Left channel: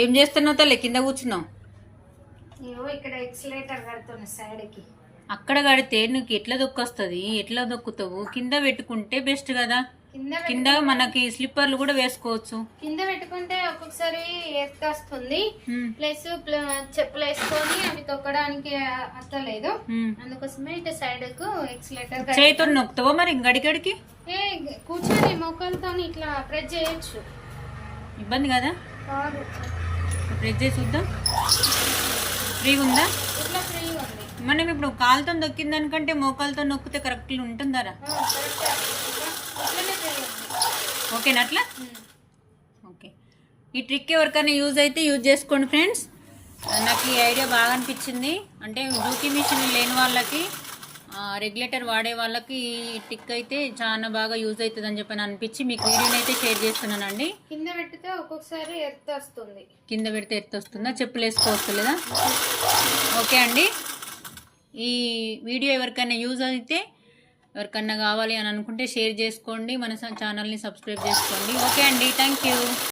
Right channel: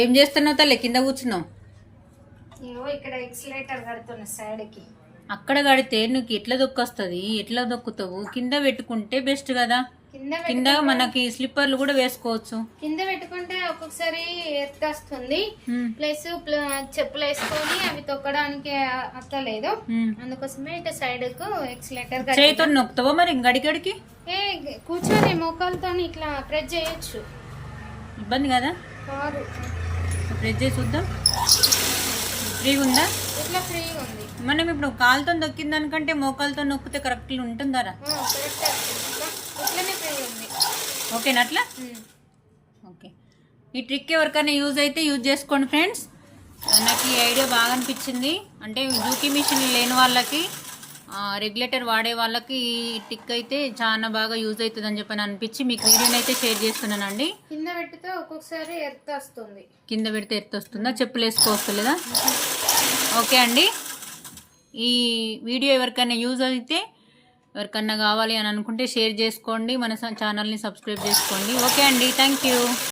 ఏం చేస్తున్నావు తల్లి? కింద కూర్చున్నావు. ఇక్కడ ఎక్సలేటర్ కడుతున్నా సైడ్ కి. అక్కడ కడితే నువ్వు ఎట్లా దొక్కొస్తుంది? ఎట్లా దొక్కుతావు? కింద పెట్టుకుంటే బెస్ట్ కదా. కింద మనకి స్లిప్పర్లు కూడా వేసుకోవచ్చు. కింద పెట్టుకుంటే ఒక్కొక్కసారి ఎర్త్ వస్తుంది, ప్లస్ చెప్పులు వేసుకొని అవి తొక్కడానికి అత్తలేదు. అందుకోసమే ఇక సైడ్ కు ఎక్సలేటర్ చేయితో నొక్కుతావా మరి గడిగడికి? కూర్చొని మోకాలతో ఇట్లా ప్రెస్ చేయొచ్చు. ఇబ్బంది కదా? ప్రెస్ చేసి చూద్దాం. ఫ్రీగా ఉందా? ఇట్లా ఫ్రీగా ఉంది. మనం ఇప్పుడు కాలుతో నొక్కిన దానికంటే మోకాలతో నొక్కితే కరెక్ట్ ఉంటుందారా? ఓకేనా అట్లా? ఓకే. ఈ ట్రిక్ ఎవరికైనా యూజ్ అయితే యూజ్ చేసుకోండి ఫ్రెండ్స్. నాకు ఈ ఐడియా బాగా అనిపించింది. అంటే జూకీ మిషన్ లేని వాళ్ళకి, రెగ్యులేటర్ వాడే వాళ్ళకి ఈ ట్రిక్ అయితే చాలా బాగా యూజ్ అవుతుంది అని చెప్పని అనిపించి మీకు వీడియోని అయితే షేర్ చేస్తున్నానండి. కింద పెడితే ఒక్కొక్కసారి ఎర్త్ వస్తుంది. కింద పెడితే ఎర్త్ వస్తుందా? చెప్పులు వేసుకోవస్తలేదా? ఓకే అండి. ఈ వీడియో ఎవరికైనా యూజ్ అయితే, ఎవరికన్నా కావాలి అని అనుకుంటే షేర్ చేసుకోండి. మన ఛానల్ని సబ్స్క్రైబ్ చేసుకోండి. ఓకే అండి, థ్యాంక్ యూ.